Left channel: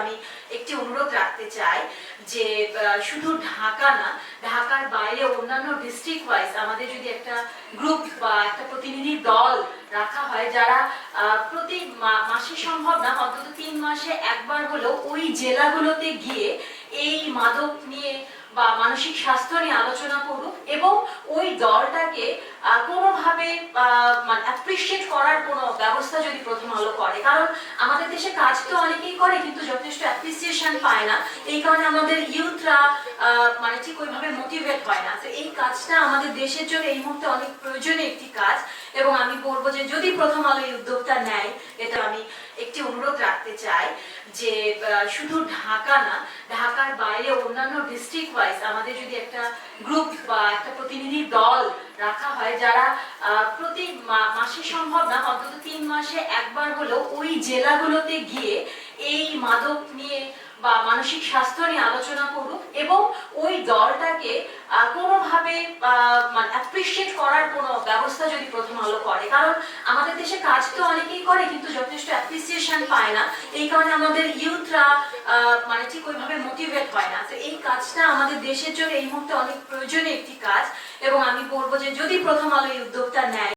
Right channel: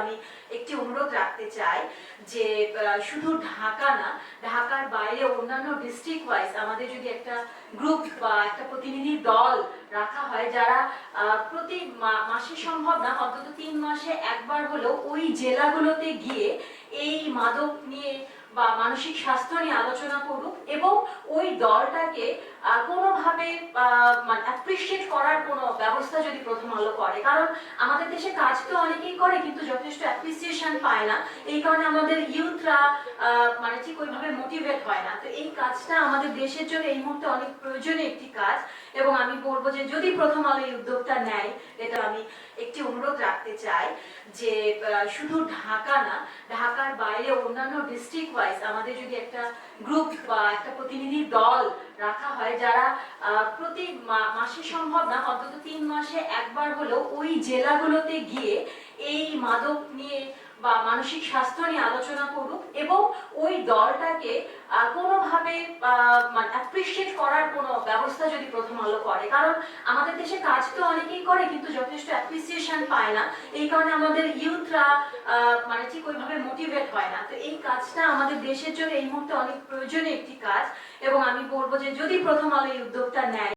আমি একটি অনুরোধ রাখতে চাই যে শুধু ঢাকা না, ঢাকার বাইরে অন্যান্য ডিস্ট্রিক্ট ওয়াইজ আমাদের যদি একটা গ্রুপ বা একটা প্রতিনিধি দল রাখা হয় যারা প্রতি মাসে সম্ভব না অন্তত 3 মাসে একবার হলেও ওই জেলাগুলোতে গিয়ে এই মাদক নিয়ে বা মানসিক স্বাস্থ্য নিয়ে আলোচনা করুক এবং ওই দলটাকে কোনোভাবে মানে অ্যাপ্রিসিয়েট করার কোনো ব্যবস্থা যদি প্রথম আলো করে। কারণ আমাদের দেশে কাজ তো অনেকেই করে কিন্তু যথেষ্ট অ্যাপ্রিসিয়েশন পায় না, এই কারণে আমাদের ইউথরা মানে ঠিক ওইভাবে মোটিভেট হয় না। তো এই কাজটা আমাদের দেশের জন্য এই মুহূর্তে অনেক প্রয়োজনীয় একটি কাজ এবং আমি বলবো যে যদি প্রথম আলো এই উদ্যোগটা নেয়, এটা আমি একটি অনুরোধ রাখতে চাই যে শুধু ঢাকা না, ঢাকার বাইরে অন্যান্য ডিস্ট্রিক্ট ওয়াইজ আমাদের যদি একটা গ্রুপ বা একটা প্রতিনিধি দল রাখা হয় যারা প্রতি মাসে সম্ভব না অন্তত 3 মাসে একবার হলেও ওই জেলাগুলোতে গিয়ে এই মাদক নিয়ে বা মানসিক স্বাস্থ্য নিয়ে আলোচনা করুক এবং ওই দলটাকে কোনোভাবে মানে অ্যাপ্রিসিয়েট করার কোনো ব্যবস্থা যদি প্রথম আলো করে। কারণ আমাদের দেশে কাজ তো অনেকেই করে কিন্তু যথেষ্ট অ্যাপ্রিসিয়েশন পায় না, এই কারণে আমাদের ইউথরা মানে ঠিক ওইভাবে মোটিভেট হয় না। তো এই কাজটা আমাদের দেশের জন্য এই মুহূর্তে অনেক প্রয়োজনীয় একটি কাজ এবং আমি বলবো যে যদি প্রথম আলো এই উদ্যোগটা নেয়।